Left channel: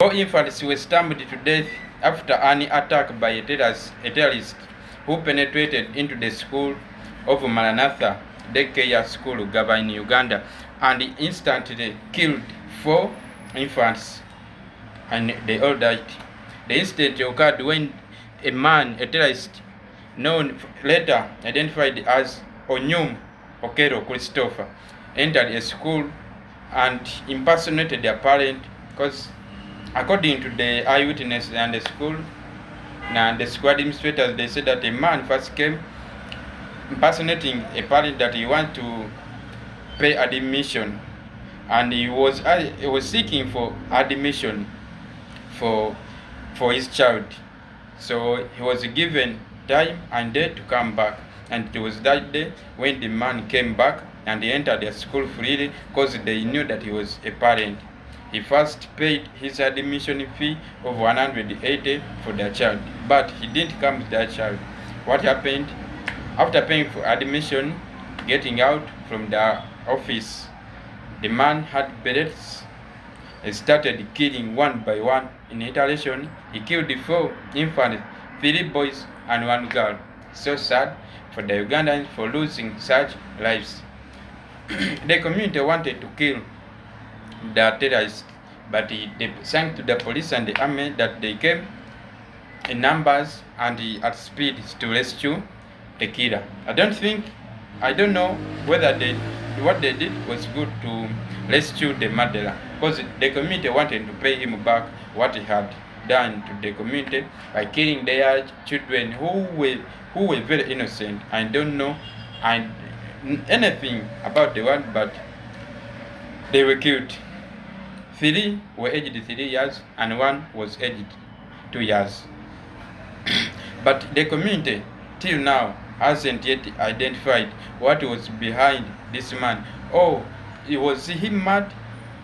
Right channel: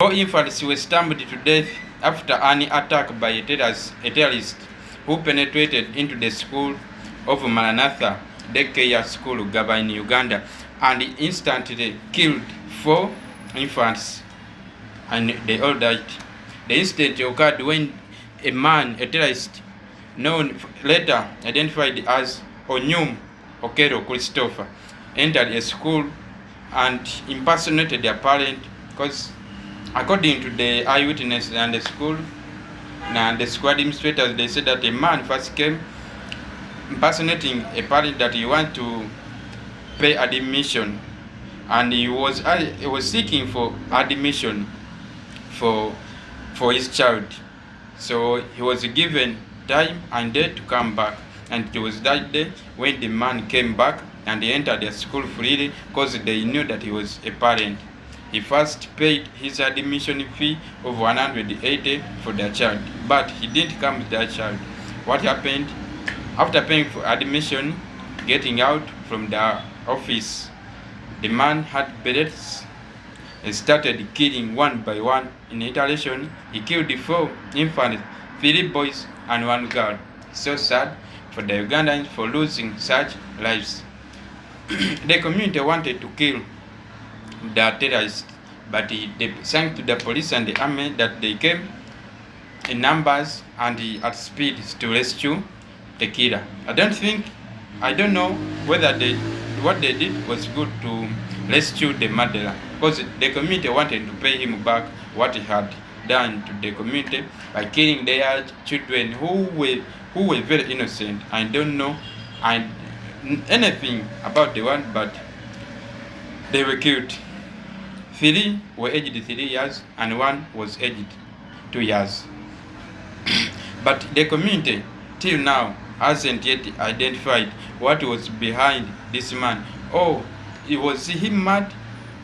Four infants were stabbed to death after an attack by a terrorist who penetrated into the school of Maranatha Daycare School, Ggaba in Uganda, and instantly killed four infants, and they all died. The incident occurred when a terrorist known later identified as Onyum Okero Christopher, entered a school and impersonated their parent, because according to the eyewitnesses and the school and the school administrators, they said that a man first came impersonating a parent that he wanted to pay admission, and he was seeking for admission for his child. So he was given time and day to come back, and it was that day when the man came back and he entered the school freely, because they knew that he was a parent. He first paid his admission fee of 180 for the child, but he didn't come with that child. What happened? After paying for admission, getting out from the office, the man had bullets and started killing one by one. In retaliation, he killed 4 infants, 3 boys and 1 girl. So sad for the Ugandans for losing such lives. The community wanted to kill the terrorists, but they thanked to the police and the army that they came in numbers and at speed to rescue the killer. I don't know whether what they did was good to rescue the murderer, because the community wanted to pay him back what he had done to the community by killing their children who were very innocent. I don't know anything about the one, but they were killed. 3 were aged 3 years and 1 was aged 2 years. But the community till now hasn't yet identified what was behind this man. Oh, was he mad?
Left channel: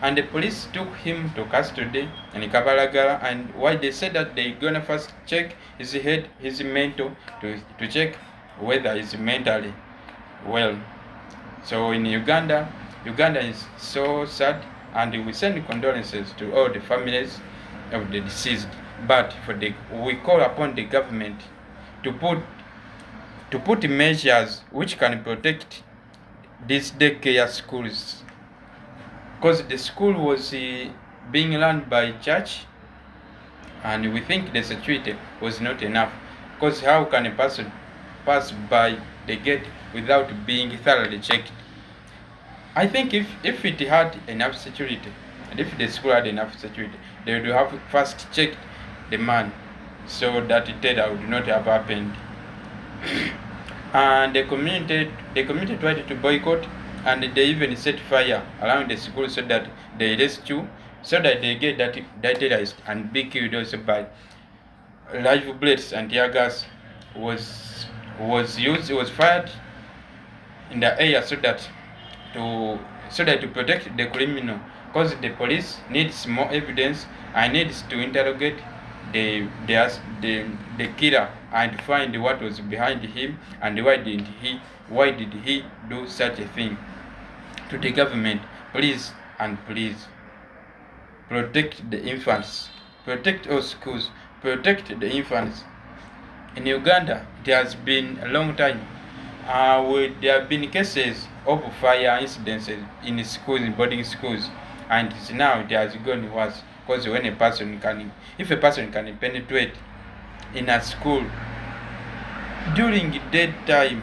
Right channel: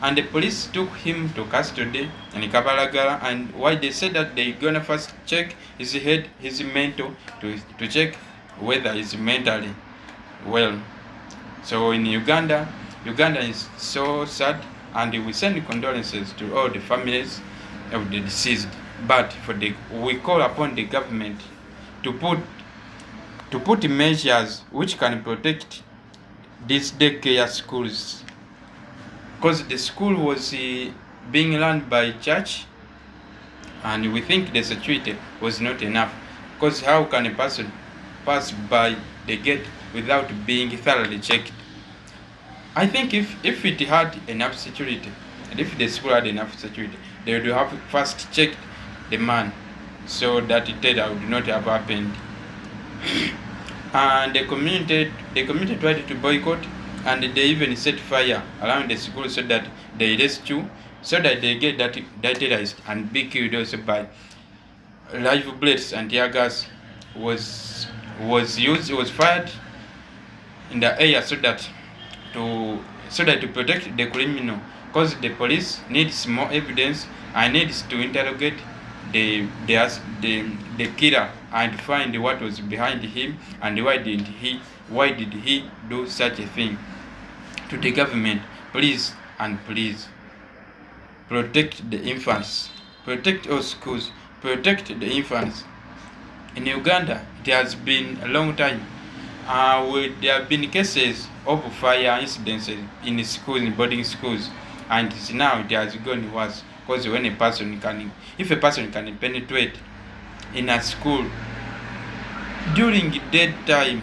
And the police took him to custody in Kampala, and why they said that they're gonna first check his head, his mental, to check whether he's mentally well. So in Uganda is so sad, and we send condolences to all the families of the deceased. But we call upon the government to put measures which can protect these daycare schools, because the school was being run by church, and we think the security was not enough. Because how can a person pass by the gate without being thoroughly checked? I think if it had enough security, and if the school had enough security, they would have first checked the man, so that terror would not have happened. And the community tried to boycott, and they even set fire around the school so that they rescue, so that they get that terrorist and be killed also by live bullets, and tear gas was fired in the air so that to protect the criminal, because the police needs more evidence and needs to interrogate the killer and find what was behind him, and why did he do such a thing. To the government, please protect the infants, protect all schools, protect the infants. In Uganda, it has been a long time. There have been cases of fire incidents in schools, in boarding schools, and now it has gone worse, because if a person can penetrate in a school during daytime,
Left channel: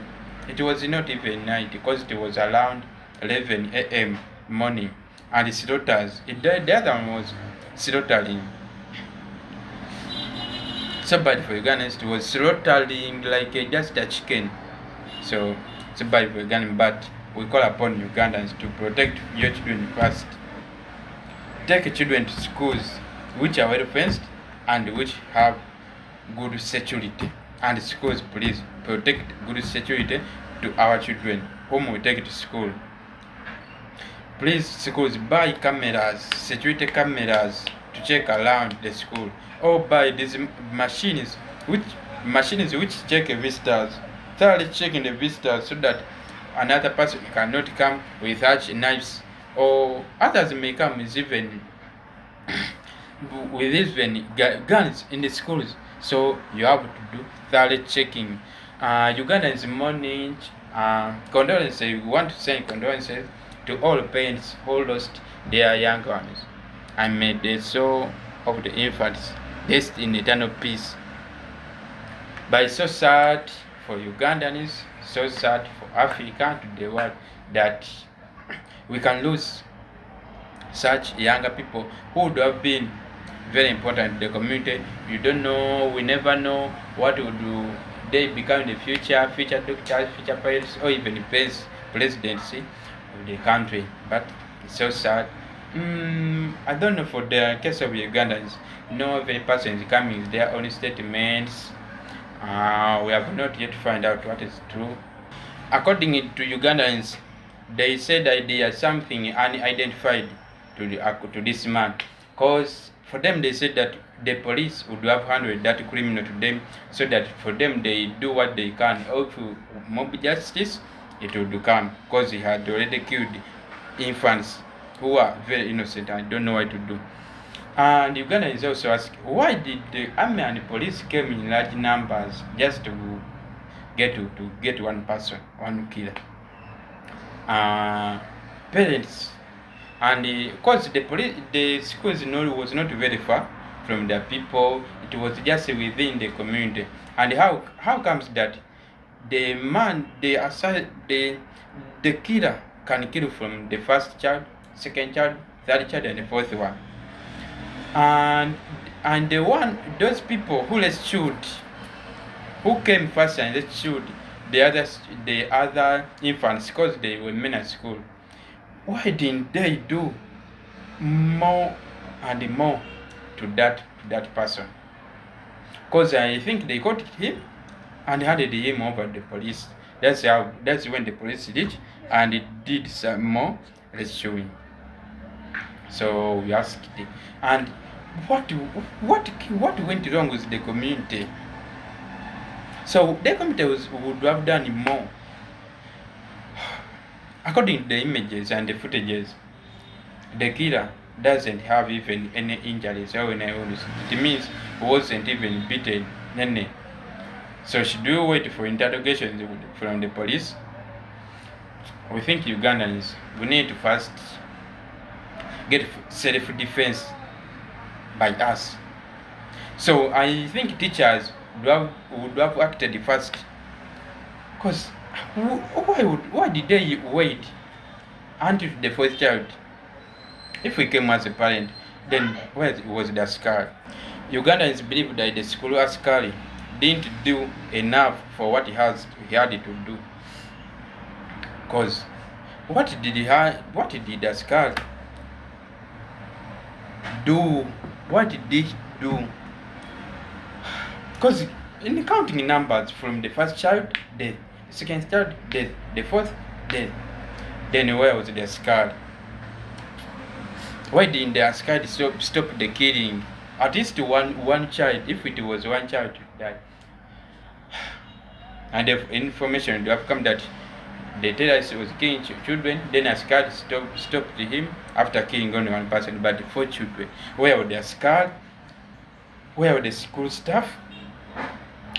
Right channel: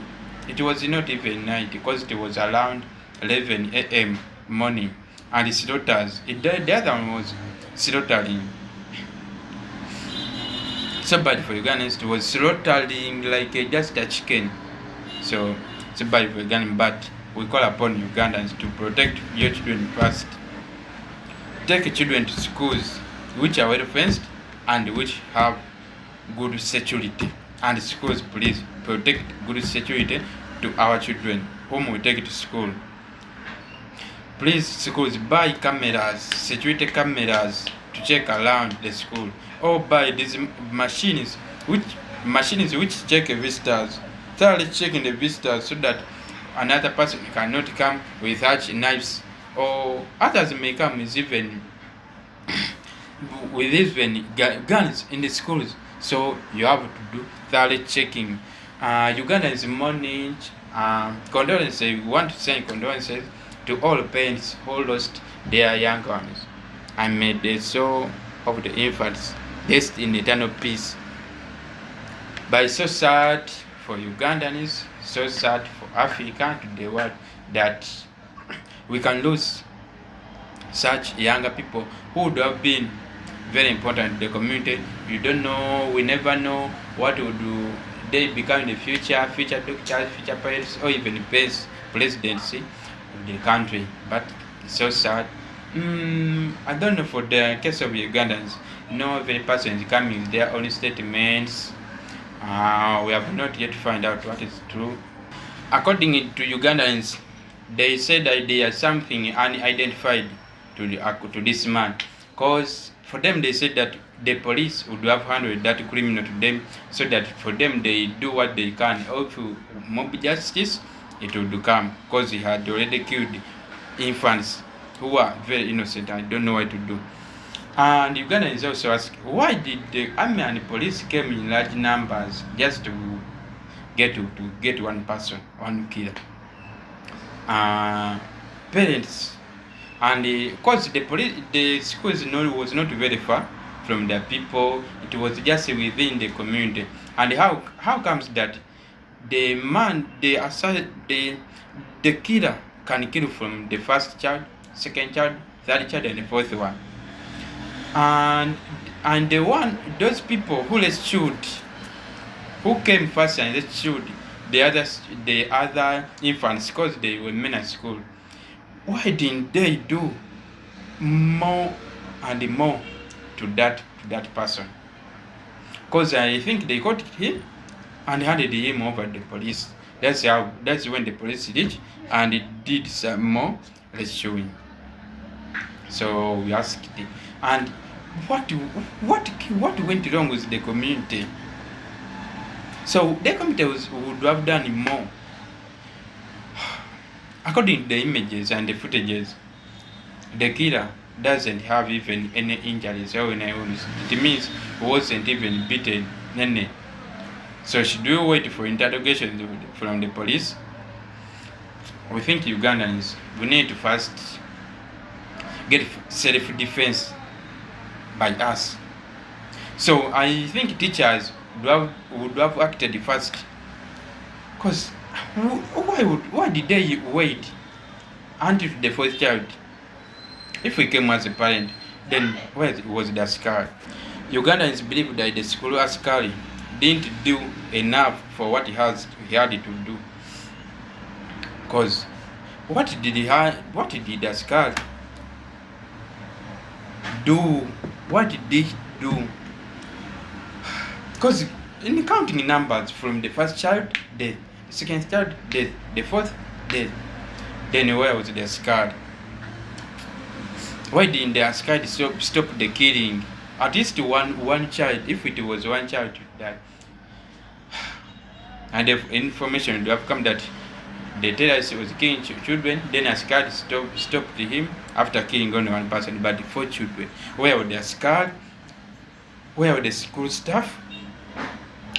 it was not even night, because it was around 11 a.m. morning, and slaughters. The other one was slaughtering. So bad for Ugandans. It was slaughtering like just a chicken. So it's bad for Ugandans, but we call upon Ugandans to protect your children first. Take children to schools which are well fenced and which have good security. And schools, please protect good security to our children whom we take to school. Please, schools, buy cameras, security cameras, to check around the school, or buy these machines which check visitors, thoroughly checking the visitors, so that another person cannot come with such knives, or others may come with even with even guns in the schools. So you have to do thorough checking. Ugandans morning condolences. We want to send condolences to all parents who lost their young ones, and may the soul of the infants rest in eternal peace. But it's so sad for Ugandans, so sad for Africa, to the world, that we can lose such younger people who would have been very important to the community. You don't know, we never know what would they become in the future doctors, future pilots, or even presidency of the country. But it's so sad. I don't know for the case of Ugandans. No, every person is coming with their own statements. We have not yet found out what is true. According to Ugandans, they said that there is something unidentified to this man, because for them they said that the police would have handled that criminal to them, so that for them they do what they can. Or if mob justice, it would come, because he had already killed infants who are very innocent and don't know what to do. And Uganda is also asked, why did the army and the police came in large numbers just to get one person, one killer? Parents, and because the schools was not very far from the people, it was just within the community. And how comes that the man, the killer can kill from the first child, second child, third child, and the fourth one? And those people who rescued, who came first and rescued the other infants, because they were men at school, why didn't they do more and more to that person? Because I think they caught him and handed him over to the police. That's when the police did, and it did some more rescuing. So we asked, and what went wrong with the community? So the community would have done more. According to the images and the footages, the killer doesn't have even any injuries or any wounds. It means he wasn't even beaten. So should we wait for interrogation from the police? We think Ugandans, we need to first get self-defense by us. So I think teachers would have acted first, because why did they wait until the first child? If we came as a parent, then where was the askari? Ugandans believe that the school askari didn't do enough for what he had to do. Because what did the askari do? What did they do? Because in counting numbers, from the first child death, the second child death, the fourth death, then where was the askari? Why didn't the askari stop the killing? At least one child, if it was one child to die. And the information would have come that the terrorist was killing children, then askari stopped him after killing only one person, but 4 children. Where were the askari? Where were the school staff?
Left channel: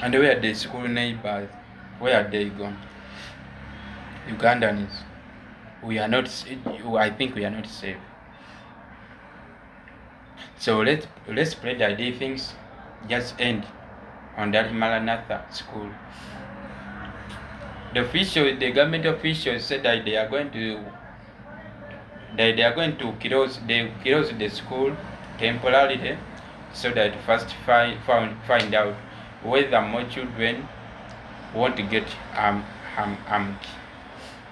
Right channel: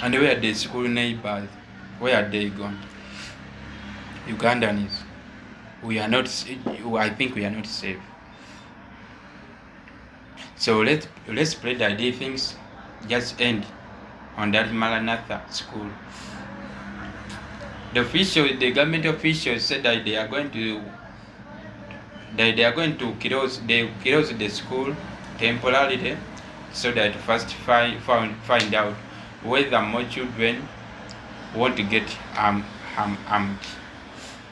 And where are the school neighbors? Where are they gone? Ugandans, I think we are not safe. So let's pray that these things just end on that Maranatha school. The government officials said that they are going to close the school temporarily, so that first find out whether more children want to get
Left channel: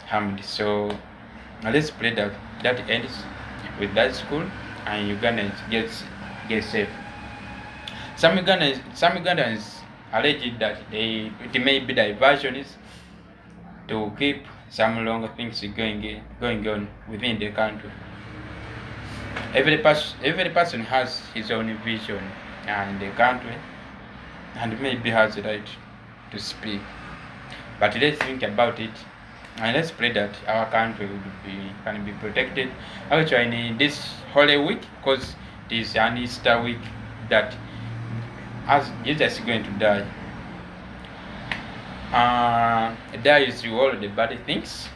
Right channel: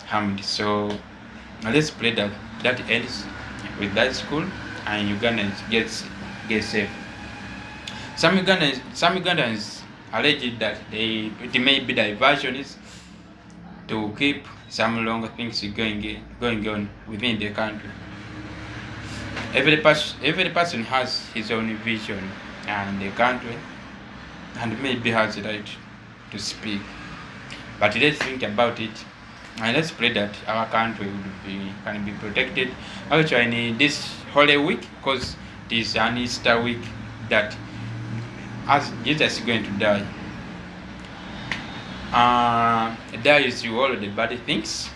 harmed. So let's pray that ends with that school and Ugandans get safe. Some Ugandans allege that it may be diversions to keep some longer things going on within the country. Every person has his own vision in the country, and maybe has the right to speak. But let's think about it, and let's pray that our country can be protected. Actually, in this Holy Week, because It is an Easter week that as Jesus is going to die. Dies to all the bad things,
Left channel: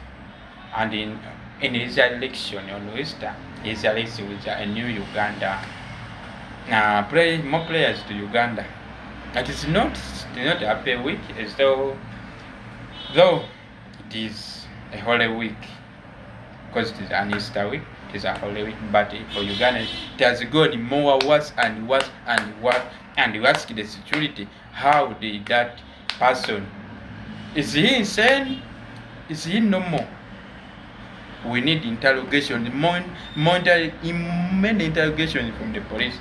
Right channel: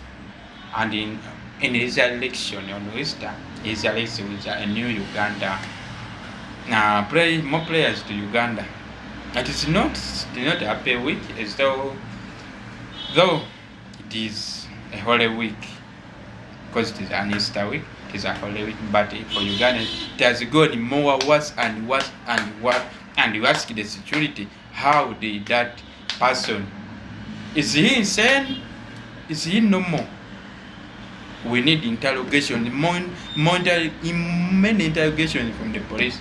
and in his election on Easter, his election with a new Uganda. More prayers to Uganda. It is not a happy week, as though it is a holy week, because it is an Easter week. It is a holy week, but for Uganda, it has gone more worse and worse and worse. And you ask the security, how did that person? Is he insane? Is he normal? We need interrogation, many interrogations from the police.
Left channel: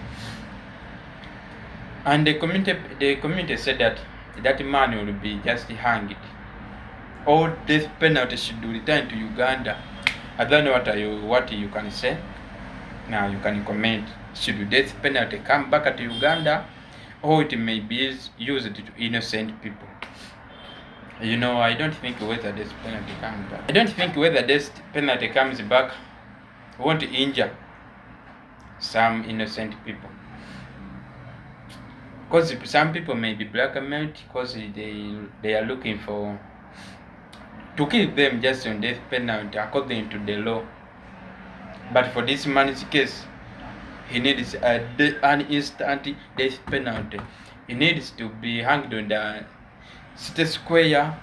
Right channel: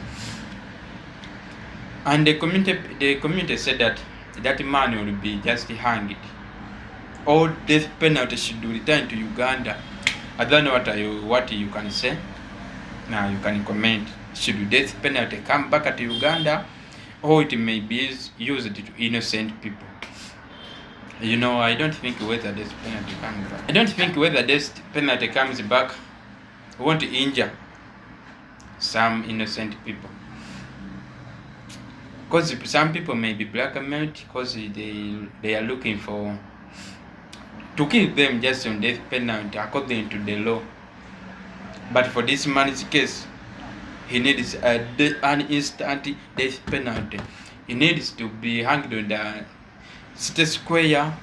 And the community said that man will be just hanged. All death penalty should return to Uganda. I don't know what you can say. Now you can comment. Should death penalty come back to Uganda, or it may be used to innocent people? I don't think whether death penalty comes back. I don't think whether death penalty comes back won't injure some innocent people. Because some people may be blackmailed because they are looking to kill them just on death penalty according to the law. But for this man's case, he needs an instant death penalty. He needs to be hanged on the city square.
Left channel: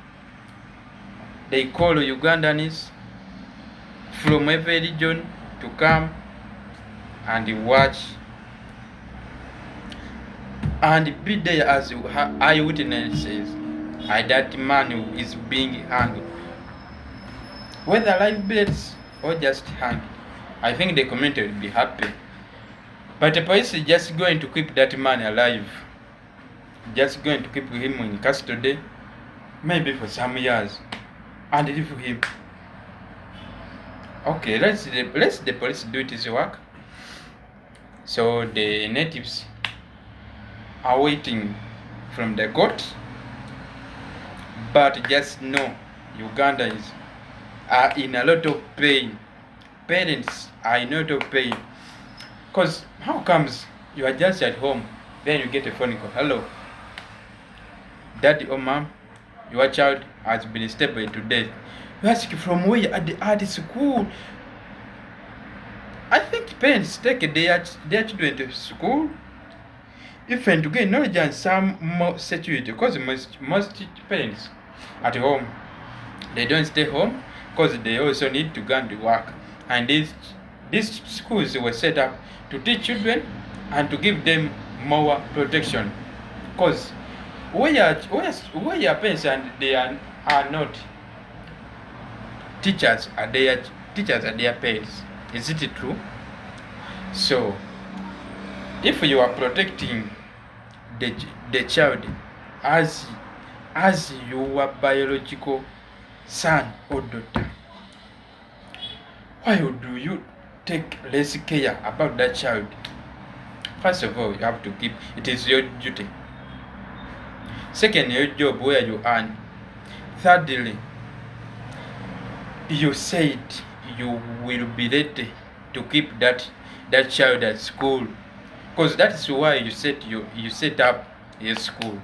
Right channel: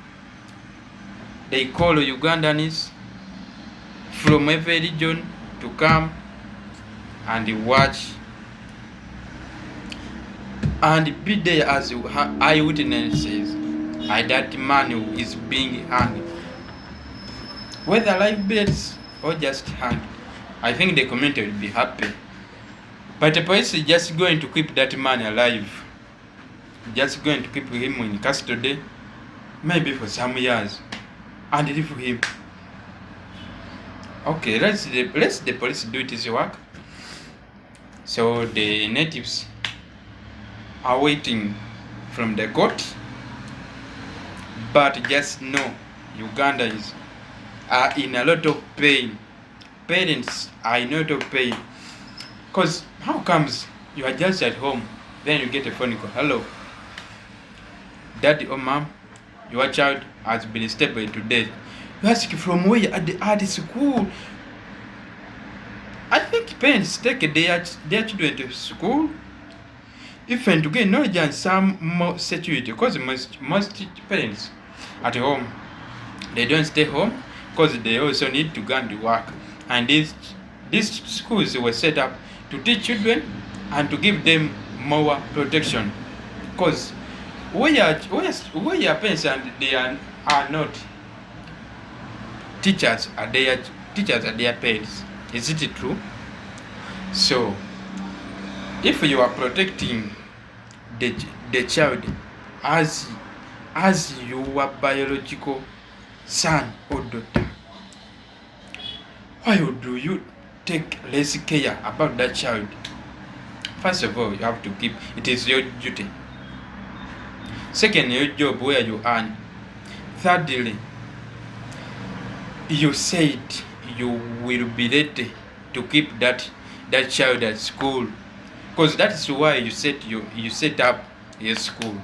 They call Ugandans from every region to come and watch and be there as eyewitnesses. That man is being hanged, whether live bullets or just hanged. I think the community will be happy. But the police is just going to keep that man alive, just going to keep him in custody, maybe for some years, and leave him. Okay, let the police do its work. So the natives are waiting from the court, but just know Ugandans are in a lot of pain. Parents are in a lot of pain. Because how comes you are just at home, then you get a phone call, hello, daddy or mom, your child has been stabbed to death. You ask from where? At the school. I think parents take their children to school, even to gain knowledge and some more security, because most parents at home, they don't stay home because they also need to go and work. And these schools were set up to teach children and to give them more protection. Because where your parents and they are not teachers, are their parents. Is it true? So if you are protecting the child as your biological son or daughter, why do you take less care about that child? First of all, you have to keep, it is your duty. Second, your job where you earn. Thirdly, you said you will be ready to keep that child at school, because that is why you set up a school,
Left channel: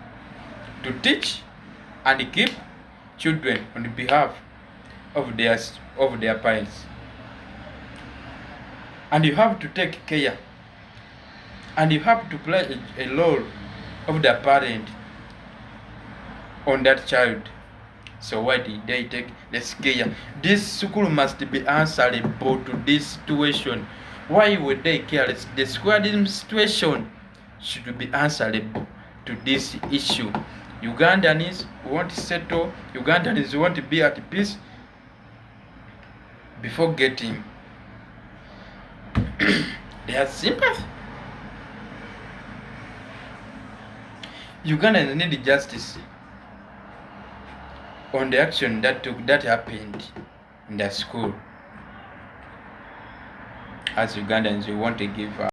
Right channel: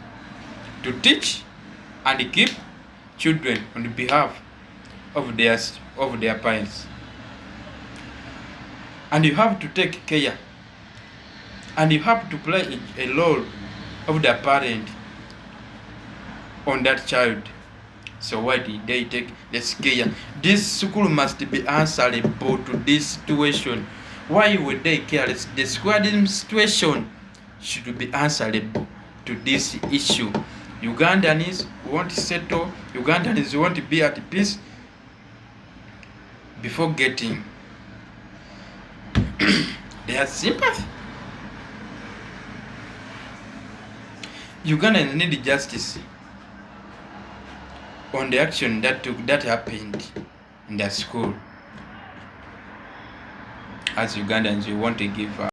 to teach and keep children on behalf of their parents. And you have to take care, and you have to play a role of the parent on that child. So why did they take this care? This school must be answerable to this situation. Why would they care? The school administration should be answerable to this issue. Ugandans want to settle. Ugandans want to be at peace before getting their sympathy. Ugandans need justice on the action that happened in the school. As Ugandans, we want to give